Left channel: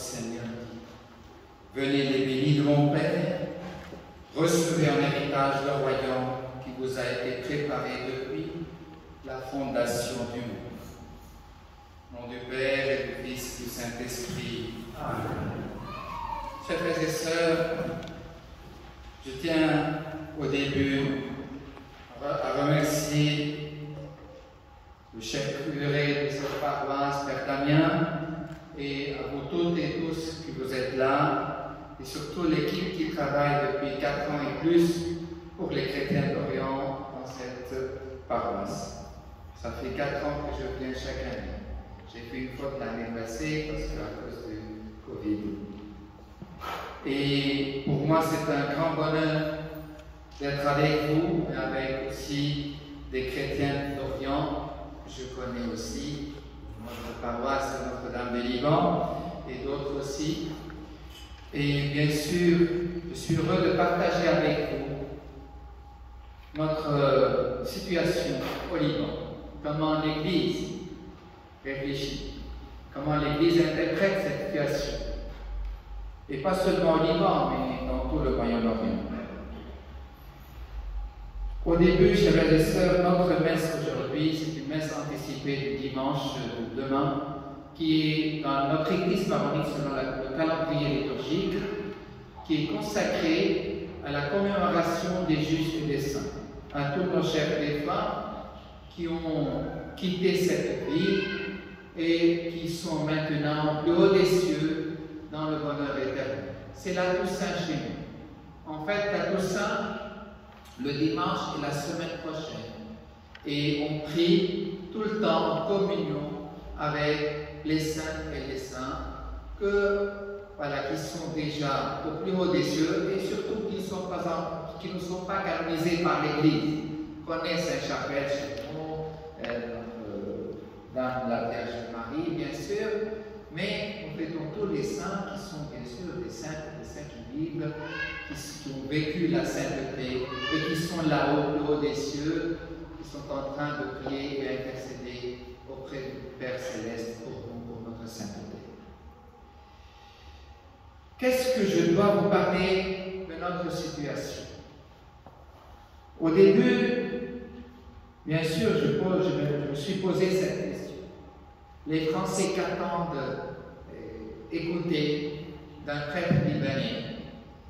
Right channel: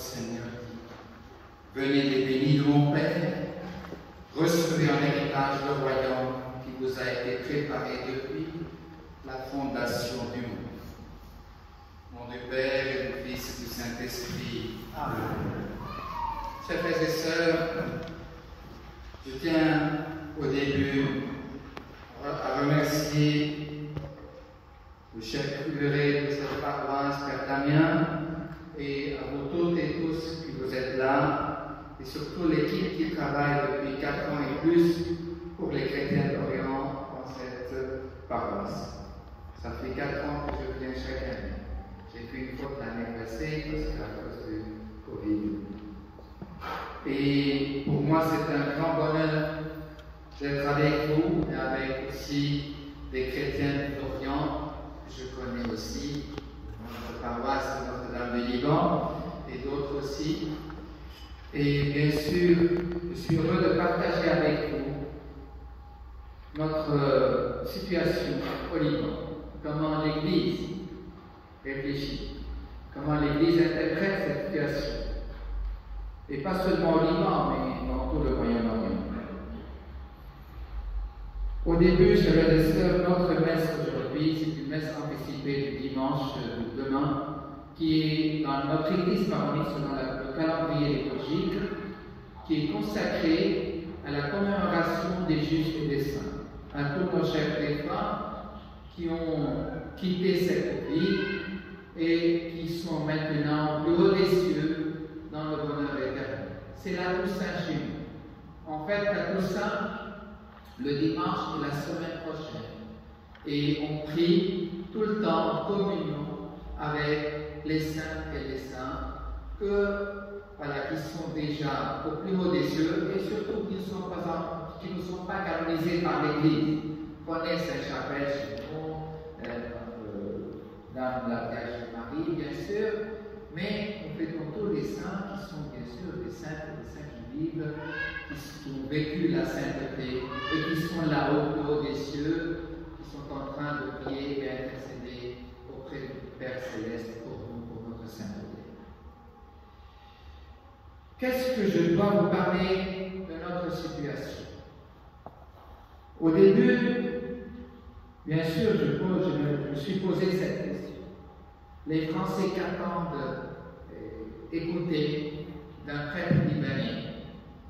Seigneur dit, venez les bénis de mon Père, recevez en héritage le royaume qui vous a été préparé depuis la fondation du monde. Au nom du Père et du Fils et du Saint-Esprit. Amen. Chers frères et sœurs, je tiens au début à remercier le chef curé de cette paroisse, Père Damien, et à vous toutes et tous qui vous êtes là, et surtout l'équipe qui travaille depuis 4 ans et plus pour les chrétiens d'Orient dans cette paroisse. Ça fait 4 ans que je viens chaque année. J'ai fait une faute l'année passée parce qu'à cause du Covid. Et pour moi, c'est un grand bonheur d'être avec vous et avec aussi des chrétiens d'Orient que je connais aussi, notre paroisse Notre-Dame du Liban et d'autres aussi. Et bien sûr, je suis heureux de partager avec vous notre situation au Liban, comment l'Église réfléchit, comment l'Église interprète cette situation. Et pas seulement au Liban, mais dans tout le Moyen-Orient. Au début, chers frères et sœurs, notre messe aujourd'hui, c'est une messe anticipée du dimanche de demain, qui est dans notre Église maronite selon le calendrier liturgique, qui est consacrée à la commémoration des justes et des saints, à tous nos chers défunts qui ont quitté cette vie et qui sont maintenant plus haut des cieux dans le bonheur éternel. C'est la Toussaint chez nous. En fait, la Toussaint, le dimanche est la semaine prochaine. Et on prie tout le temps en communion avec les saints et les saints qui sont déjà au plus haut des cieux et surtout qui ne sont pas canonisés par l'Église. On connaît Saint-Chapelle chez nous, dans la Vierge Marie, bien sûr, mais nous fêtons tous les saints qui sont bien sûr des saints qui vivent, qui ont vécu la sainteté et qui sont là-haut, plus haut des cieux, qui sont en train de prier et intercéder auprès du Père Céleste pour nous, pour notre sainteté. Qu'est-ce que je dois vous parler de notre situation? Au début, bien sûr, je me suis posé cette question. Les Français qu'attendent écouter d'un prêtre libanais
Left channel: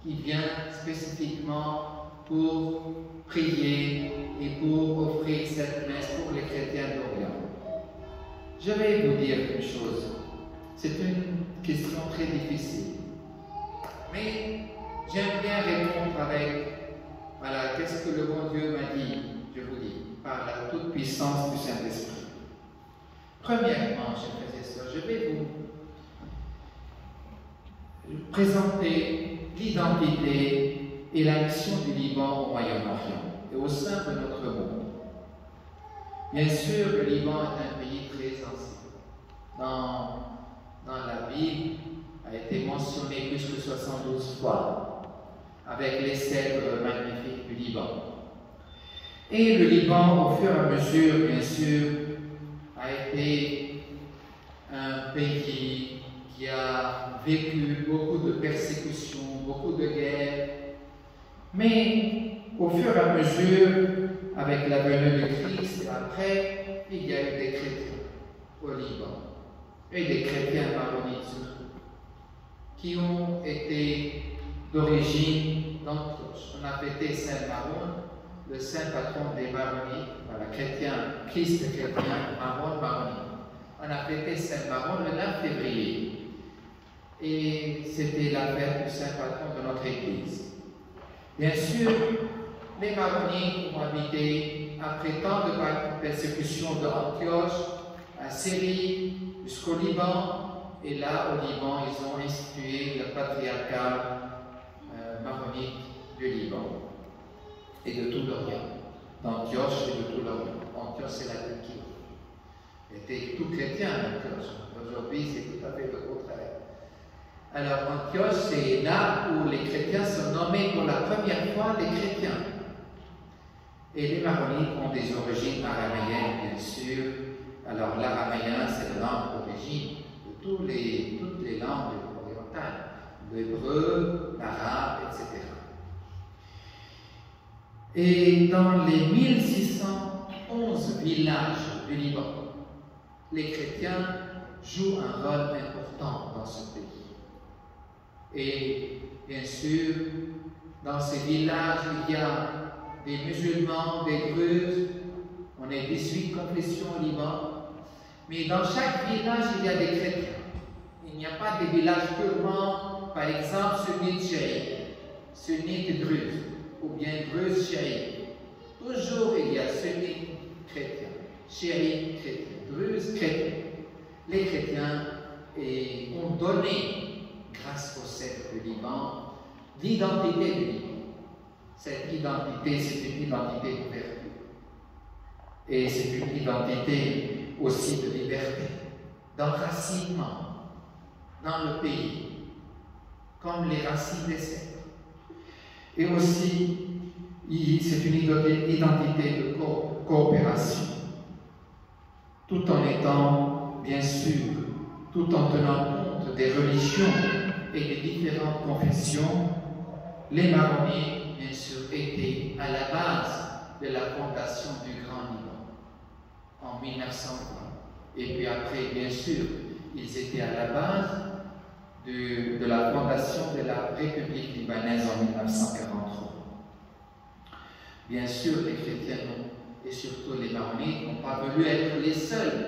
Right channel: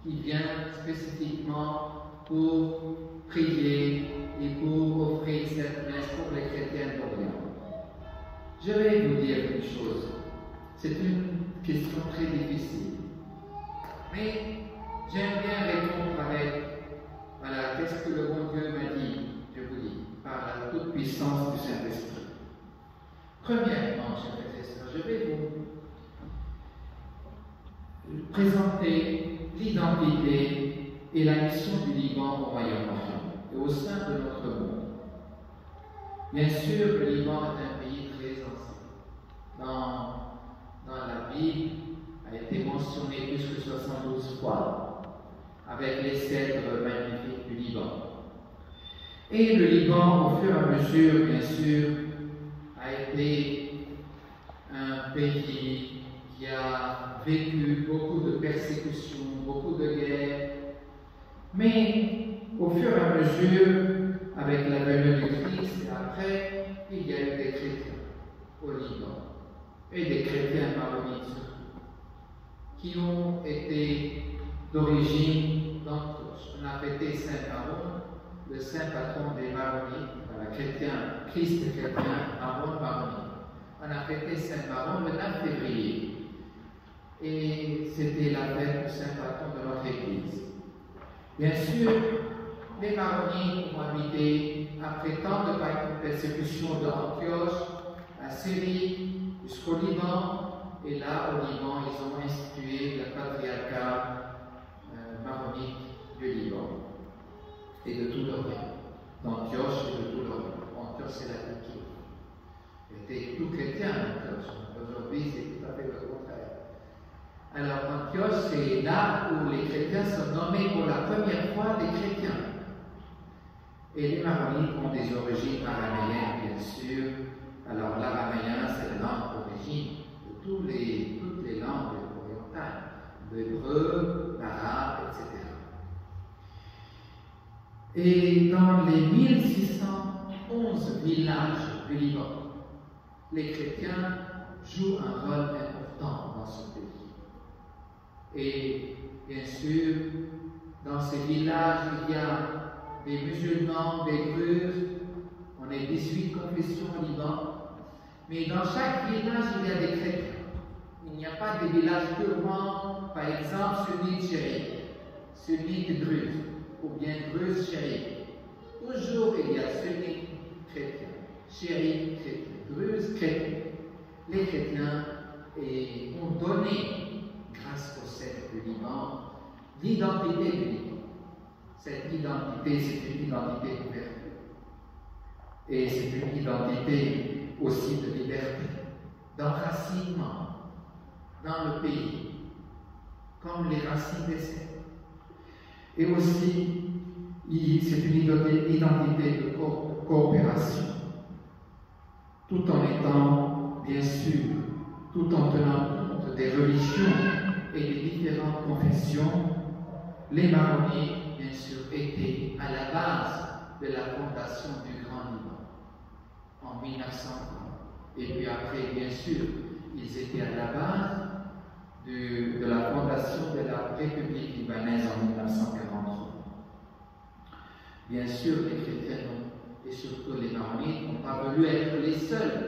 qui vient spécifiquement pour prier et pour offrir cette messe pour les chrétiens d'Orient. Je vais vous dire une chose. C'est une question très difficile. Mais j'aime bien répondre avec, voilà, qu'est-ce que le bon Dieu m'a dit, je vous dis, par la toute-puissance du Saint-Esprit. Premièrement, chers frères et sœurs, je vais vous présenter l'identité et la mission du Liban au Moyen-Orient et au sein de notre monde. Bien sûr, le Liban est un pays très ancien. Dans la Bible, a été mentionné plus que 72 fois, avec les cèdres magnifiques du Liban. Et le Liban, au fur et à mesure, bien sûr, a été un pays qui a vécu beaucoup de persécutions, beaucoup de guerres, mais au fur et à mesure, avec la venue du Christ et après, il y a eu des chrétiens au Liban, et des chrétiens maronites surtout, qui ont été d'origine d'Antioche. On a fêté Saint Maron, le saint patron des Maronites, voilà, chrétien, Christ chrétien, Maron, Maronite. On a fêté Saint Maron le 9 février. Et c'était la fête du saint patron de notre Église. Bien sûr, les Maronites ont habité, après tant de persécutions de Antioche, à Syrie, jusqu'au Liban. Et là, au Liban, ils ont institué le patriarcat maronite du Liban et de tout l'Orient, d'Antioche et de tout l'Orient. Antioche, c'est la Turquie. Il était tout chrétien, Antioche. Aujourd'hui, c'est tout à fait le contraire. Alors, Antioche, c'est là où les chrétiens sont nommés pour la première fois des chrétiens. Et les Maronites ont des origines araméennes, bien sûr. Alors, l'araméen, c'est la langue d'origine de toutes les langues orientale, l'hébreu, l'arabe, etc. Et dans les 1611 villages du Liban, les chrétiens jouent un rôle important dans ce pays. Et bien sûr, dans ces villages, il y a des musulmans, des druzes, on est 18 confessions au Liban, mais dans chaque village, il y a des chrétiens. Il n'y a pas de village purement, par exemple, sunnite chiite, sunnite druze, ou bien druze chiite. Toujours il y a sunnite chrétien, chiite chrétien, druze chrétien. Les chrétiens ont donné, grâce au sceptre du Liban, l'identité du Liban. Cette identité, c'est une identité d'ouverture. Et c'est une identité aussi de liberté, d'enracinement dans le pays, comme les racines des cèdres. Et aussi, c'est une identité de coopération, tout en étant, bien sûr, tout en tenant compte des religions et des différentes confessions, les marronniers, bien sûr, étaient à la base de la fondation du Grand Liban en 1920. Et puis après, bien sûr, ils étaient à la base de la fondation de la République libanaise en 1943. Bien sûr, les chrétiens et surtout les marronniers n'ont pas voulu être les seuls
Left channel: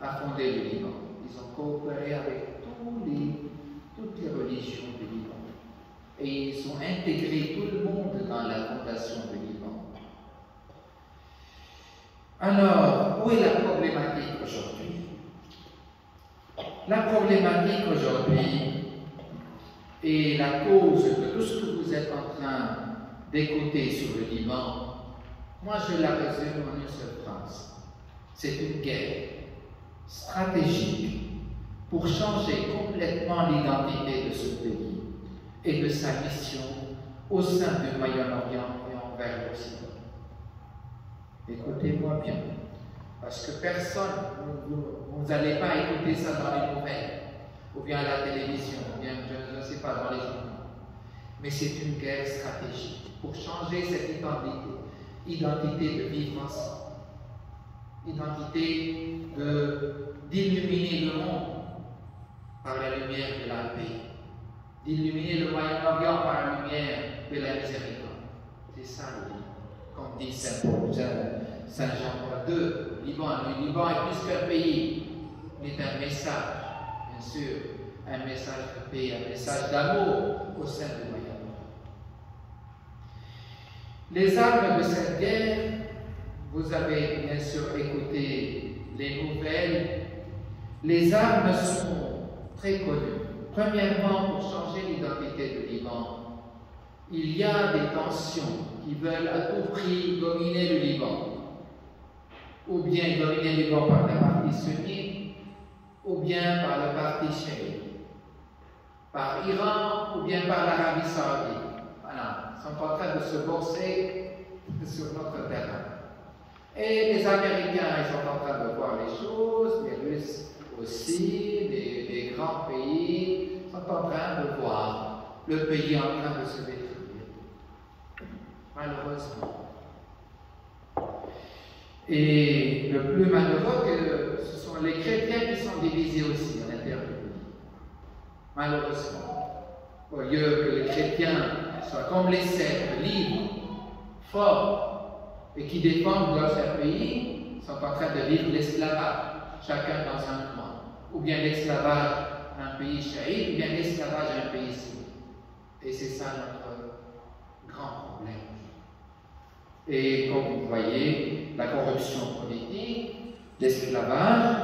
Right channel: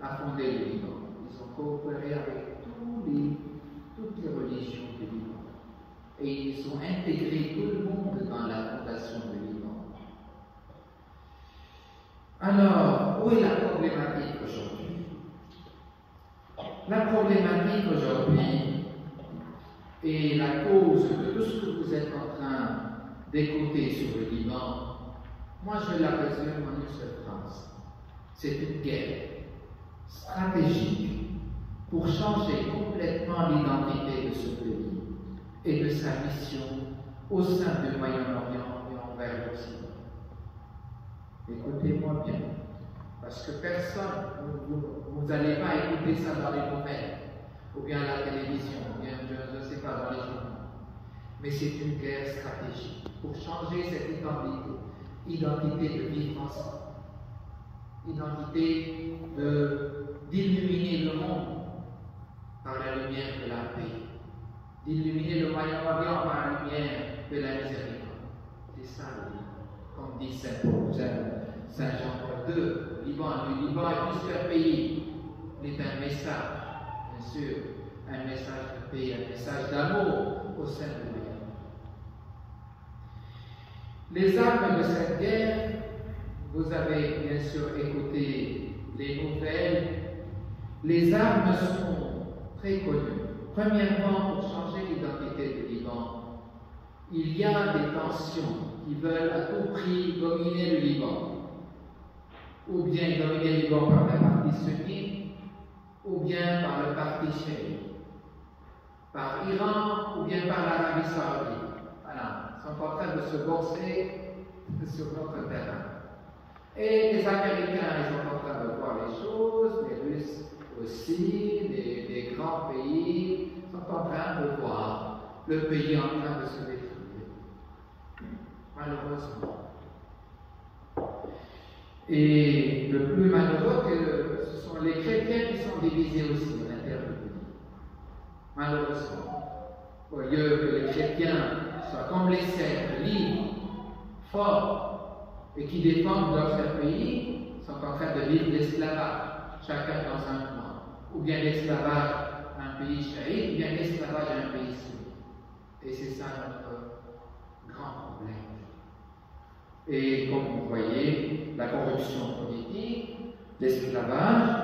à fonder le Liban. Ils ont coopéré avec toutes les religions du Liban. Et ils ont intégré tout le monde dans la fondation du Liban. Alors, où est la problématique aujourd'hui? La problématique aujourd'hui est la cause de tout ce que vous êtes en train d'écouter sur le Liban. Moi, je la résume en une seule phrase. C'est une guerre stratégique pour changer complètement l'identité de ce pays et de sa mission au sein du Moyen-Orient et envers l'Occident. Écoutez-moi bien, parce que personne, vous n'allez pas écouter ça dans les nouvelles, ou bien à la télévision, ou bien, je ne sais pas, dans les journaux. Mais c'est une guerre stratégique pour changer cette identité de vivre ensemble, identité d'illuminer le monde par la lumière de la paix, d'illuminer le Moyen-Orient par la lumière de la miséricorde. C'est ça le Liban. Comme dit Saint Jean-Paul II, le Liban est plus qu'un pays, il est un message, bien sûr, un message de paix, un message d'amour au sein du Moyen-Orient. Les armes de cette guerre, vous avez bien sûr écouté les nouvelles, les armes sont très connues. Premièrement, pour changer l'identité du Liban, il y a des tensions qui veulent à tout prix dominer le Liban. Ou bien dominer le Liban par le parti sunnite, ou bien par le parti chiite, par l'Iran, ou bien par l'Arabie saoudite. Voilà, ils sont en train de se boxer sur notre terrain. Et les Américains, ils sont en train de voir les choses, les Russes aussi, les grands pays sont en train de voir le pays en train de se détruire. Malheureusement. Et le plus malheureux, ce sont les chrétiens qui sont divisés aussi à l'intérieur du pays. Malheureusement. Au lieu que les chrétiens soient comme les cèdres, libres, forts, et qui défendent leur cher pays, sont en train de vivre l'esclavage, chacun dans un coin. Ou bien l'esclavage à un pays chiite, ou bien l'esclavage à un pays sunnite. Et c'est ça notre grand problème. Et comme vous voyez, la corruption politique, l'esclavage,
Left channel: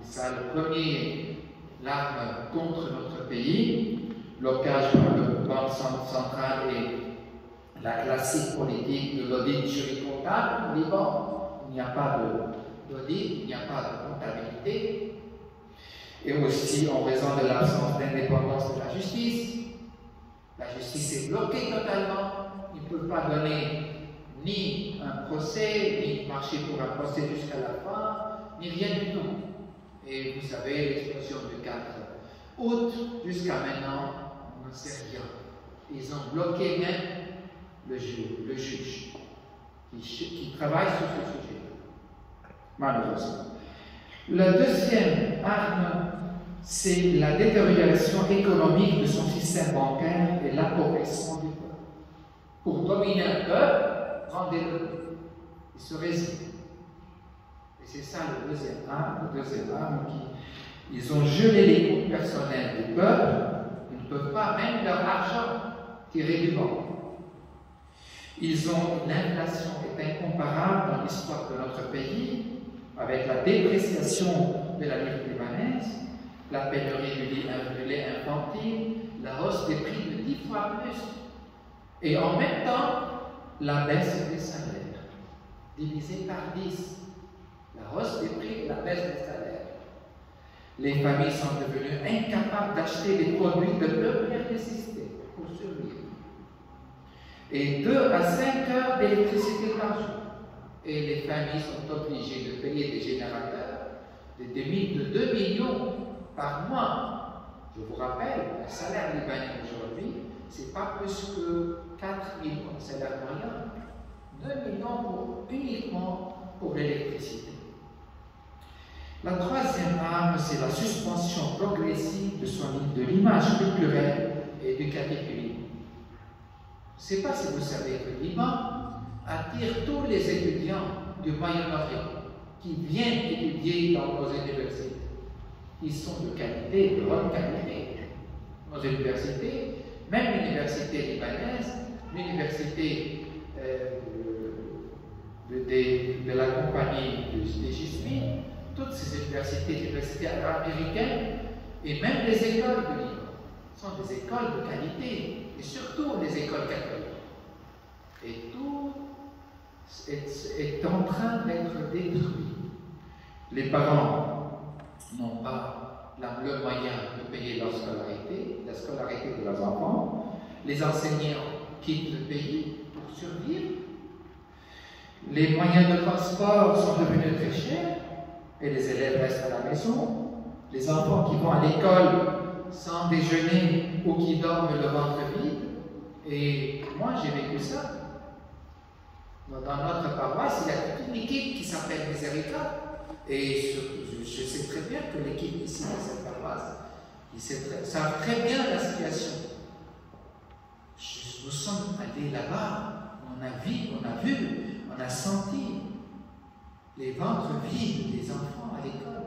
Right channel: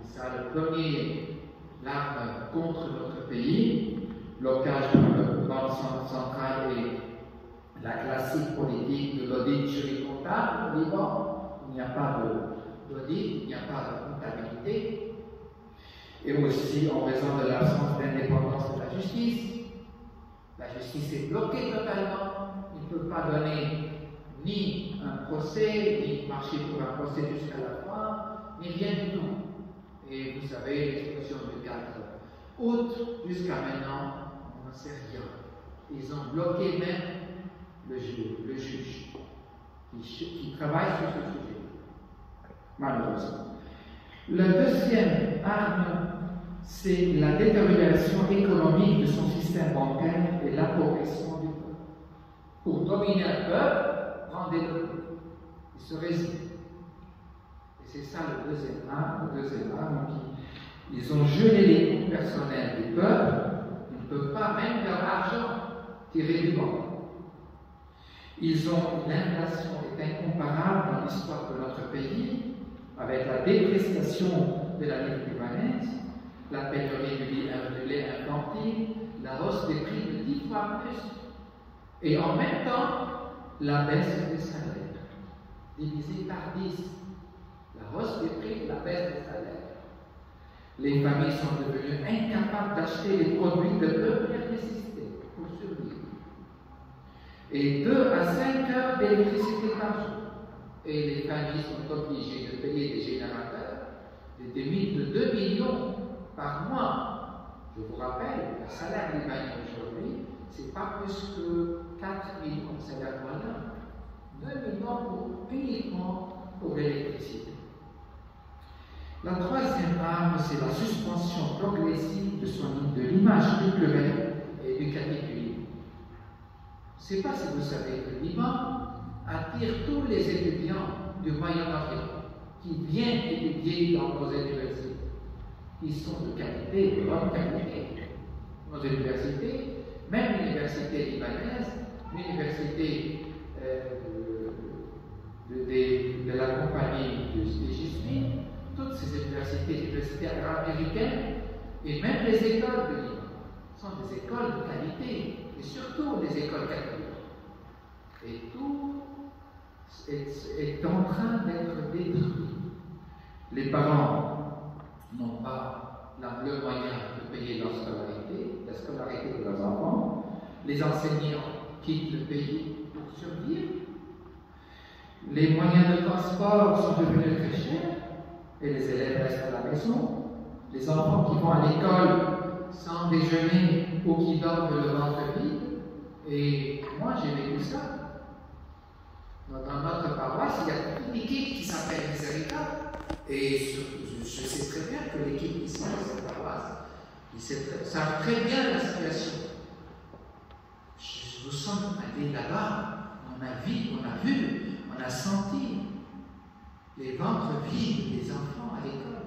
c'est ça le premier l'arme contre notre pays, l'occage par le Banque centrale et la classique politique de l'audit juridico-comptable au Liban. Il n'y a pas d'audit, il n'y a pas de comptabilité. Et aussi en raison de l'absence d'indépendance de la justice est bloquée totalement. Ils ne peuvent pas donner ni un procès, ni marcher pour un procès jusqu'à la fin, ni rien du tout. Et vous savez, l'explosion du 4 Autres, jusqu'à maintenant, on n'en sait rien. Ils ont bloqué même le juge qui travaille sur ce sujet, malheureusement. La deuxième arme, c'est la détérioration économique de son système bancaire et l'appauvrissement du peuple. Pour dominer un peuple, rendez-le. Il se résigne. Et c'est ça le deuxième arme qui. Ils ont gelé les comptes personnels du peuple. Ils ne peuvent pas même leur argent tirer du banc. L'inflation est incomparable dans l'histoire de notre pays, avec la dépréciation de la livre libanaise, la pénurie du lait infantile, la hausse des prix de 10 fois plus, et en même temps, la baisse des salaires, divisée par 10. La hausse des prix et la baisse des salaires. Les familles sont devenues incapables d'acheter des produits de première nécessité pour survivre. Et 2 à 5 heures d'électricité par jour. Et les familles sont obligées de payer des générateurs de 2 millions par mois. Je vous rappelle, le salaire libanais aujourd'hui, ce n'est pas plus que 4 millions de salaire moyen. 2 millions uniquement pour l'électricité. La troisième arme, c'est la suspension progressive de l'image culturelle et éducative du Liban. Je ne sais pas si vous savez que le Liban attire tous les étudiants du Moyen-Orient qui viennent étudier dans nos universités. Ils sont de qualité, de bonne qualité. Nos universités, même l'université libanaise, l'université de la compagnie des Jésuites, toutes ces universités américaines, et même les écoles de Liban, sont des écoles de qualité, et surtout les écoles catholiques. Et tout est en train d'être détruit. Les parents n'ont pas le moyen de payer la scolarité de leurs enfants. Les enseignants quittent le pays pour survivre. Les moyens de transport sont devenus très chers et les élèves restent à la maison. Les enfants qui vont à l'école sans déjeuner ou qui dorment le ventre vide. Et moi, j'ai vécu ça. Dans notre paroisse, il y a une équipe qui s'appelle Miséricorde. Et je sais très bien que l'équipe ici de cette paroisse, ils savent très bien la situation. Nous sommes allés là-bas, on a vu, on a senti les ventres vides des enfants à l'école.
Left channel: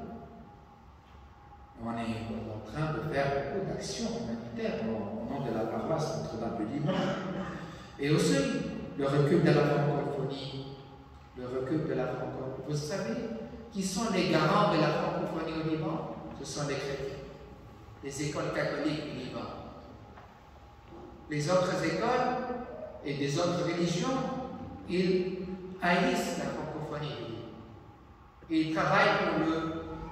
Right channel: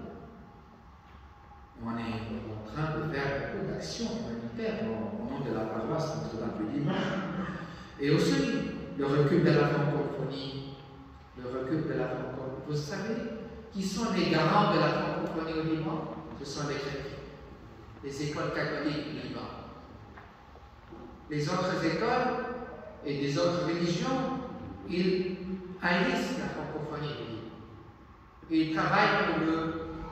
On est en train de faire beaucoup d'actions humanitaires au nom de la paroisse Notre-Dame du Liban. Et aussi, le recul de la francophonie. Vous savez qui sont les garants de la francophonie au Liban? Ce sont les chrétiens, les écoles catholiques du Liban. Les autres écoles et des autres religions, ils haïssent la francophonie du Liban. Et ils travaillent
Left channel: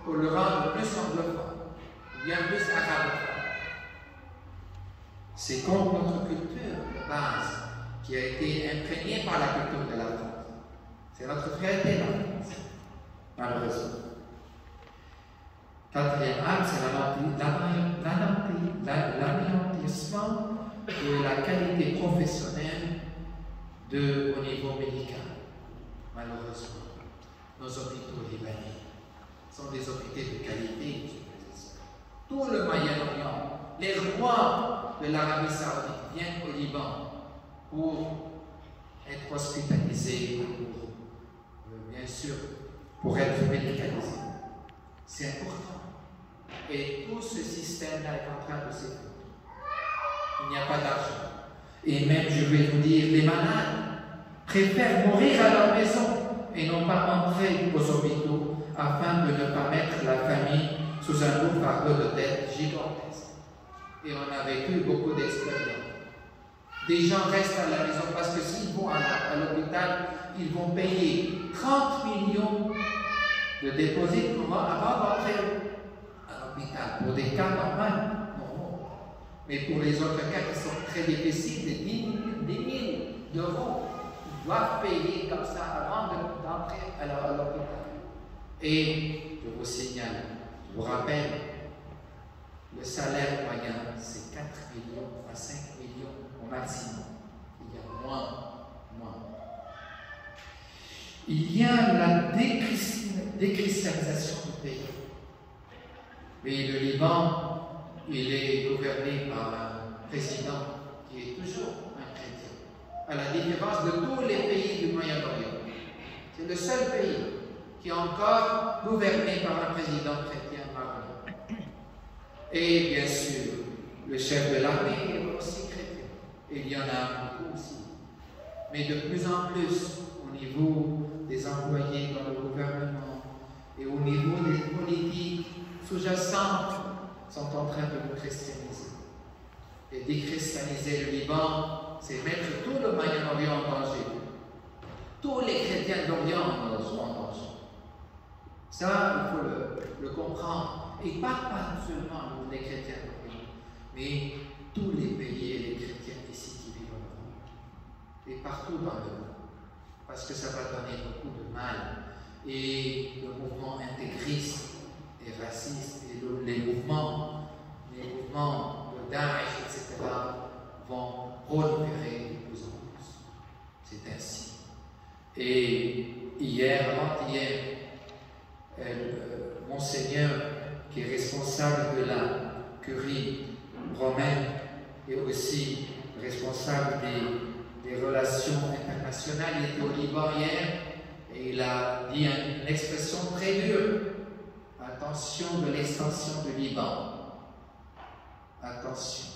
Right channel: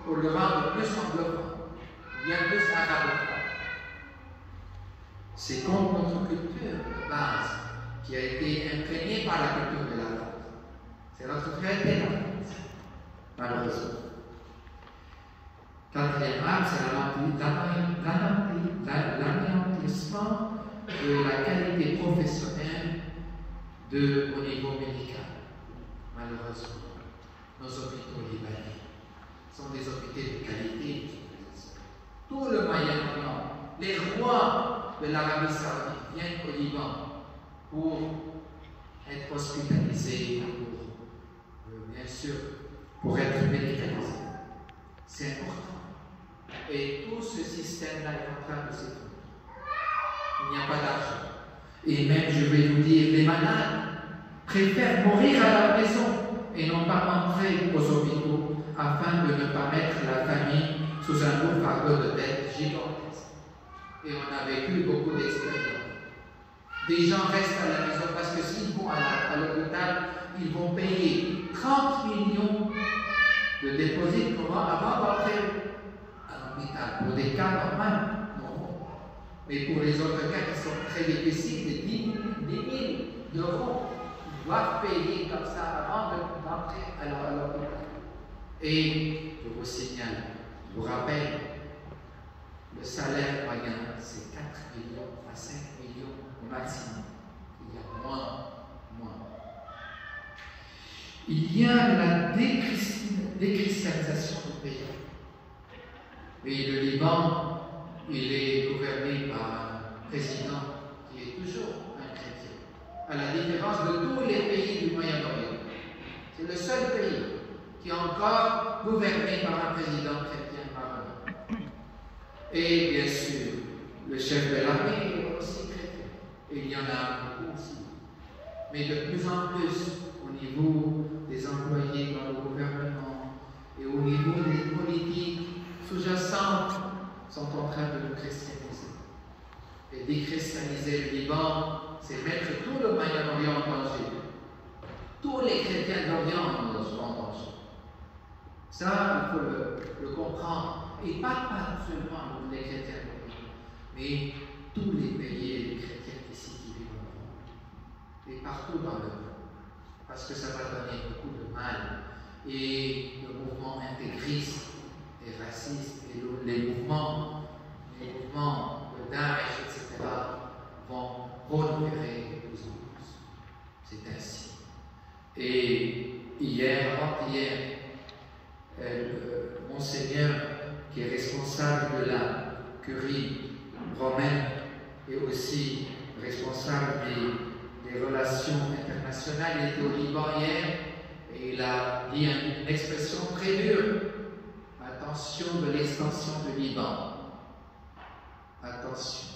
pour le rendre plus anglophone, bien plus arabophone. C'est contre notre culture de base qui a été imprégnée par la culture de la France. C'est notre fierté, la France, malheureusement. Quatrième arme, c'est l'anéantissement de la qualité professionnelle au niveau médical. Malheureusement, nos hôpitaux libanais sont des hôpitaux de qualité. Tout le Moyen-Orient, les rois de l'Arabie Saoudite viennent au Liban pour être hospitalisés, bien sûr, pour être médicalisés. C'est important. Et tout ce système-là est en train de s'effondrer. Il n'y a pas d'argent. Et même, je vais vous dire, les malades préfèrent mourir à leur maison et non pas entrer aux hôpitaux afin de ne pas mettre la famille sous un lourd fardeau de dettes gigantesques. Et on a vécu beaucoup d'expériences. Des gens restent à la maison parce que s'ils vont à l'hôpital, ils vont payer 30 millions de dépôts avant d'entrer à l'hôpital. Pour des cas normaux, non. Mais pour les autres cas qui sont très difficiles, des 10 000 d'euros, ils doivent payer comme ça avant d'entrer à l'hôpital. Et je vous signale, je vous rappelle, le salaire moyen, c'est 4 millions à 5 millions au maximum. Il y a moins. Il y a la déchristianisation du pays. Et le Liban, il est gouverné par un président qui est toujours un chrétien, à la différence de tous les pays du Moyen-Orient. C'est le seul pays qui est encore gouverné par un président chrétien maronite. Et bien sûr, le chef de l'armée est aussi chrétien. Et il y en a beaucoup aussi. Mais de plus en plus, au niveau des employés dans le gouvernement et au niveau des politiques sous-jacentes, sont en train de nous christianiser. Et déchristianiser le Liban, c'est mettre tout le Moyen-Orient en danger. Tous les chrétiens d'Orient sont en danger. Ça, il faut le comprendre. Et pas seulement les chrétiens d'Orient, mais tous les pays et les chrétiens ici qui vivent en Orient. Et partout dans le monde. Parce que ça va donner beaucoup de mal. Et le mouvement intégriste et raciste, et les mouvements de Daesh, etc., vont proliférer de plus en plus. C'est ainsi. Et avant-hier, Monseigneur, qui est responsable de la curie romaine et aussi responsable des relations internationales, il était au Liban hier et il a dit une expression très dure. Attention de l'extension du Liban. Attention.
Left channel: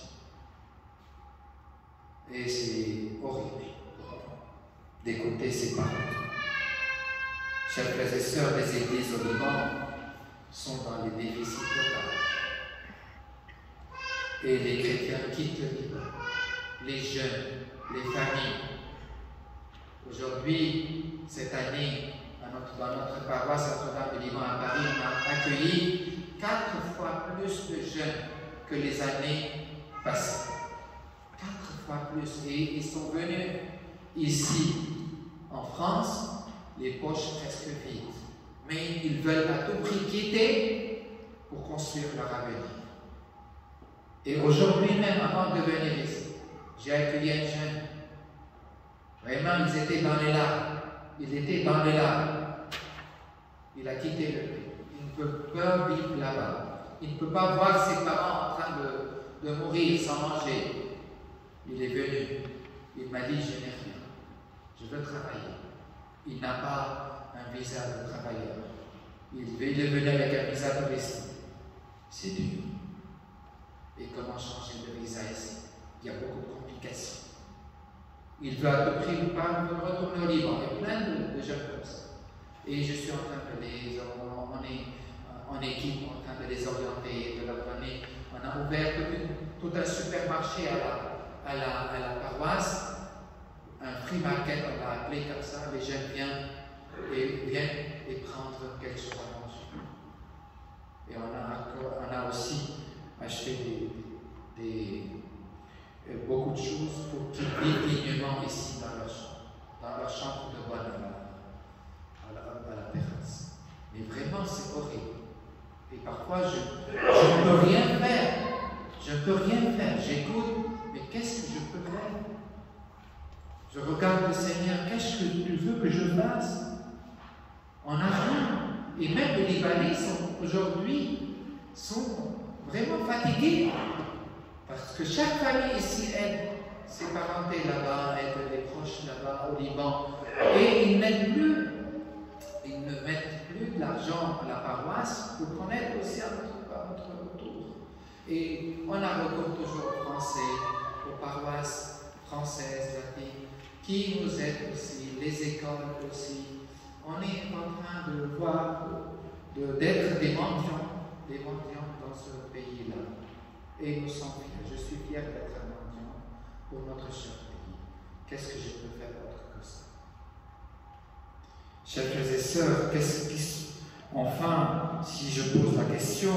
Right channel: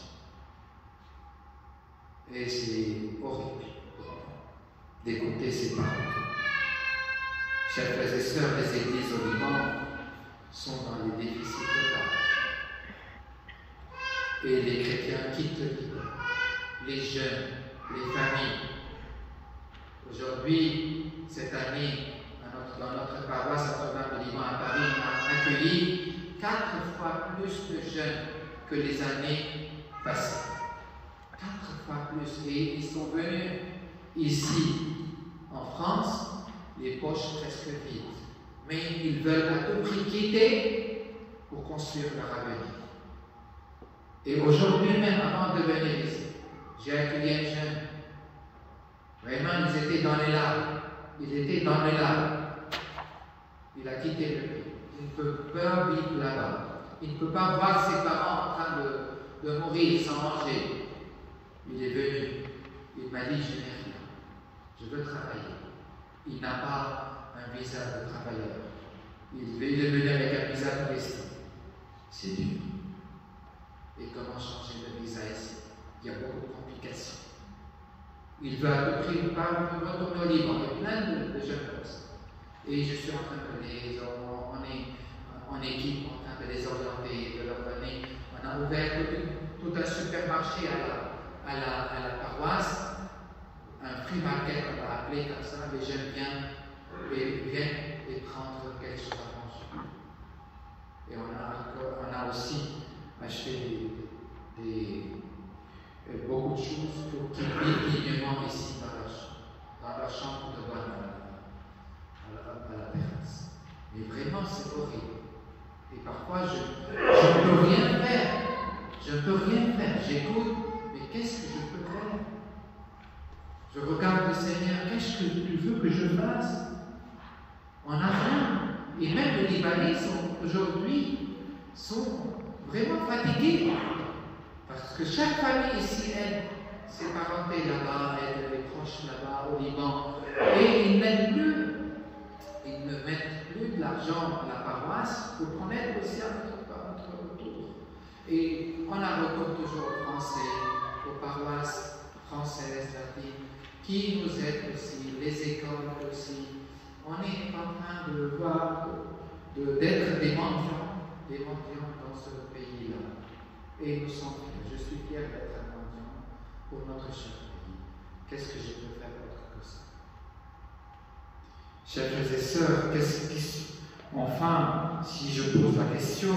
Et c'est horrible d'écouter ces paroles. Chers frères et sœurs, les églises au Liban sont dans les déficits totaux. Et les chrétiens quittent le Liban. Les jeunes, les familles. Aujourd'hui, cette année, dans notre paroisse Notre-Dame du Liban à Paris, on a accueilli 4 fois plus de jeunes que les années passées. 4 fois plus. Et ils sont venus ici, en France, les poches presque vides. Mais ils veulent à tout prix quitter pour construire leur avenir. Et aujourd'hui même, avant de venir ici, j'ai accueilli un jeune. Vraiment, ils étaient dans les larmes. Il a quitté le pays. Il ne peut pas vivre là-bas. Il ne peut pas voir ses parents en train de mourir sans manger. Il est venu. Il m'a dit, je n'ai rien. Je veux travailler. Il n'a pas un visa de travailleur. Il est venu avec un visa touristique. C'est dur. Et comment changer de visa ici? Il y a beaucoup de complications. Il veut à tout prix retourner au Liban. Il y a plein de jeunes comme ça. Et je suis en train de on est en équipe en train de les orienter, de leur donner. On a ouvert tout un supermarché à la paroisse, un free market, on l'a appelé comme ça. Les jeunes viennent et prendre quelque chose à manger. Et on a aussi acheté beaucoup de choses pour qu'ils vivent dignement ici dans leur chambre de bonne à la terrasse. Mais vraiment, c'est horrible. Et parfois, je ne peux rien faire. J'écoute, mais qu'est-ce que je peux faire? Je regarde le Seigneur, qu'est-ce que tu veux que je fasse? On n'a rien. Et même les Libanais aujourd'hui sont vraiment fatigués. Parce que chaque famille ici aide ses parentés là-bas, aide les proches là-bas au Liban. Et ils n'aident plus. Ils ne mettent plus de l'argent à la paroisse pour qu'on aide aussi à notre retour. Et on a recours toujours aux Français, aux paroisses françaises, latines, qui nous aident aussi, les écoles aussi. On est en train de voir, d'être des mendiants dans ce pays-là. Et nous sommes fiers. Je suis fier d'être un mendiant pour notre cher pays. Qu'est-ce que je peux faire autre que ça? Chers frères et sœurs, enfin, si je pose la question,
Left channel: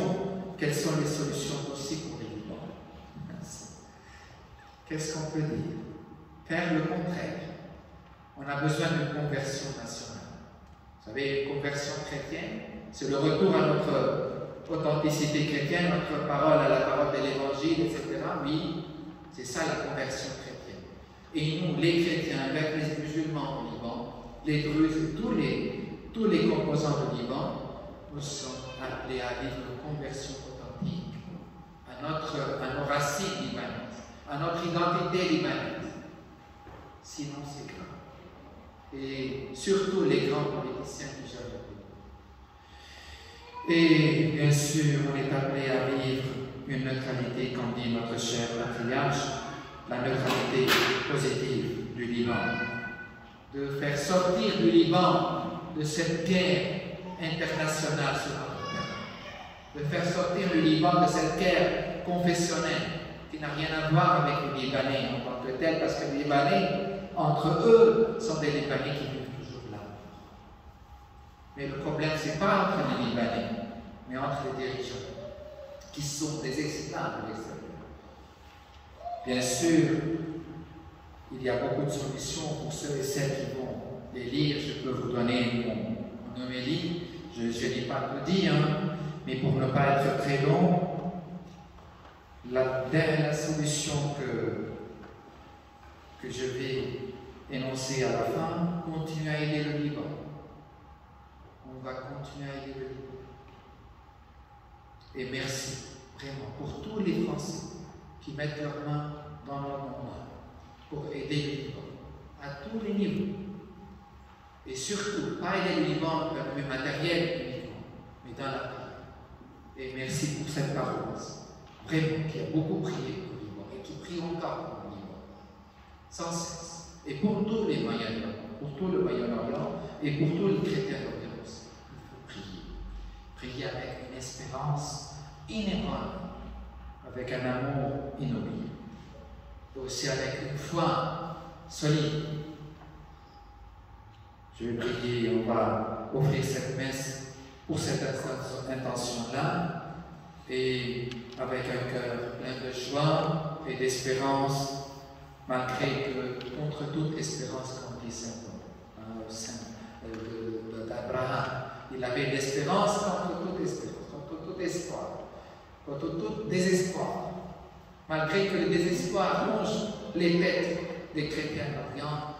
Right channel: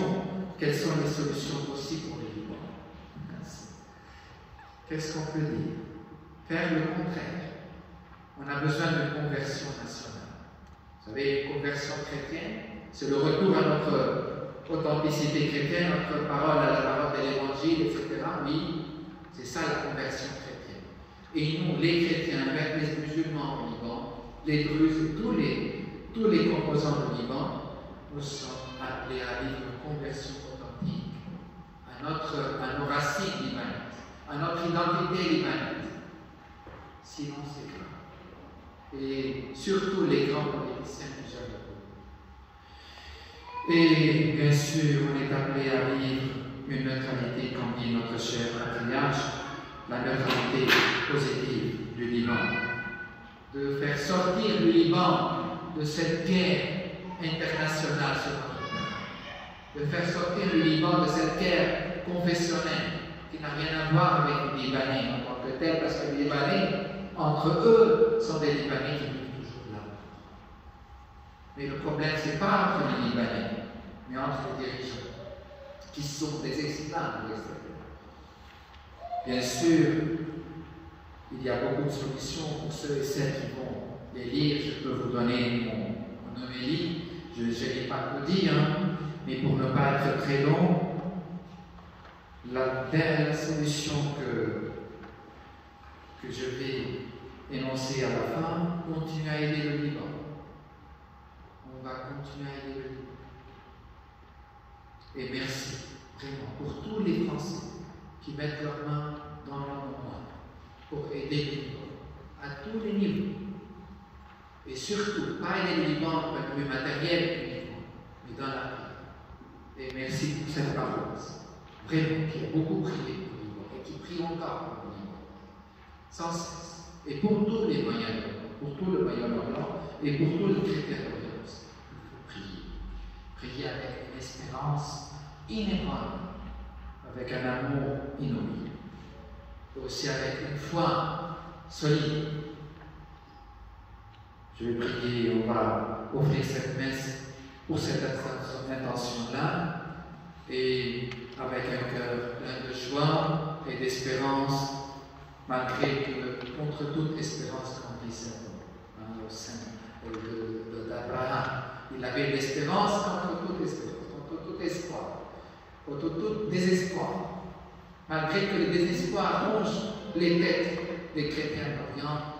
quelles sont les solutions possibles pour les Liban? Qu'est-ce qu'on peut dire? Faire le contraire. On a besoin d'une conversion nationale. Vous savez, une conversion chrétienne, c'est le retour à notre authenticité chrétienne, notre parole à la parole de l'Évangile, etc. Oui, c'est ça la conversion chrétienne. Et nous, les chrétiens, avec les musulmans au Liban, les Druzes, tous les composants du Liban, nous sommes appelés à vivre une conversion authentique à nos racines libanaises, à notre identité libanaise. Sinon, c'est grave. Et surtout les grands politiciens du Japon. Et bien sûr, on est appelé à vivre une neutralité, comme dit notre cher patriarche, la neutralité positive du Liban. De faire sortir du Liban de cette guerre internationale sur notre terre. De faire sortir le Liban de cette guerre confessionnelle qui n'a rien à voir avec les Libanais en tant que tel, parce que les Libanais, entre eux, sont des Libanais qui vivent toujours là. Mais le problème, ce n'est pas entre les Libanais, mais entre les dirigeants, qui sont des esclaves de l'extérieur. Bien sûr, il y a beaucoup de solutions pour ceux et celles qui vont les lire. Je peux vous donner mon homélie, je n'ai pas tout dit, mais pour ne pas être très long, la solution que je vais énoncer à la fin, continuer à aider le Liban. On va continuer à aider le Liban. Et merci, vraiment, pour tous les Français qui mettent leurs mains dans leur moment pour aider le Liban, à tous les niveaux. Et surtout, pas aider le Liban au point de vue matériel uniquement, mais dans la prière. Et merci pour cette paroisse, vraiment, qui a beaucoup prié pour le Liban et qui prie encore pour le Liban, sans cesse. Et pour tous les Moyen-Orient, pour tout le Moyen-Orient et pour tous les chrétiens d'Orient, il faut prier. Prier avec une espérance inébranlable, avec un amour inoubliable, et aussi avec une foi solide. Je vais prier, on va offrir cette messe pour cette intention-là, et avec un cœur plein de joie et d'espérance, malgré que, contre toute espérance, comme dit Saint d'Abraham, il avait de l'espérance contre toute espérance, contre tout espoir, contre tout désespoir. Malgré que le désespoir ronge les têtes des chrétiens d'Orient,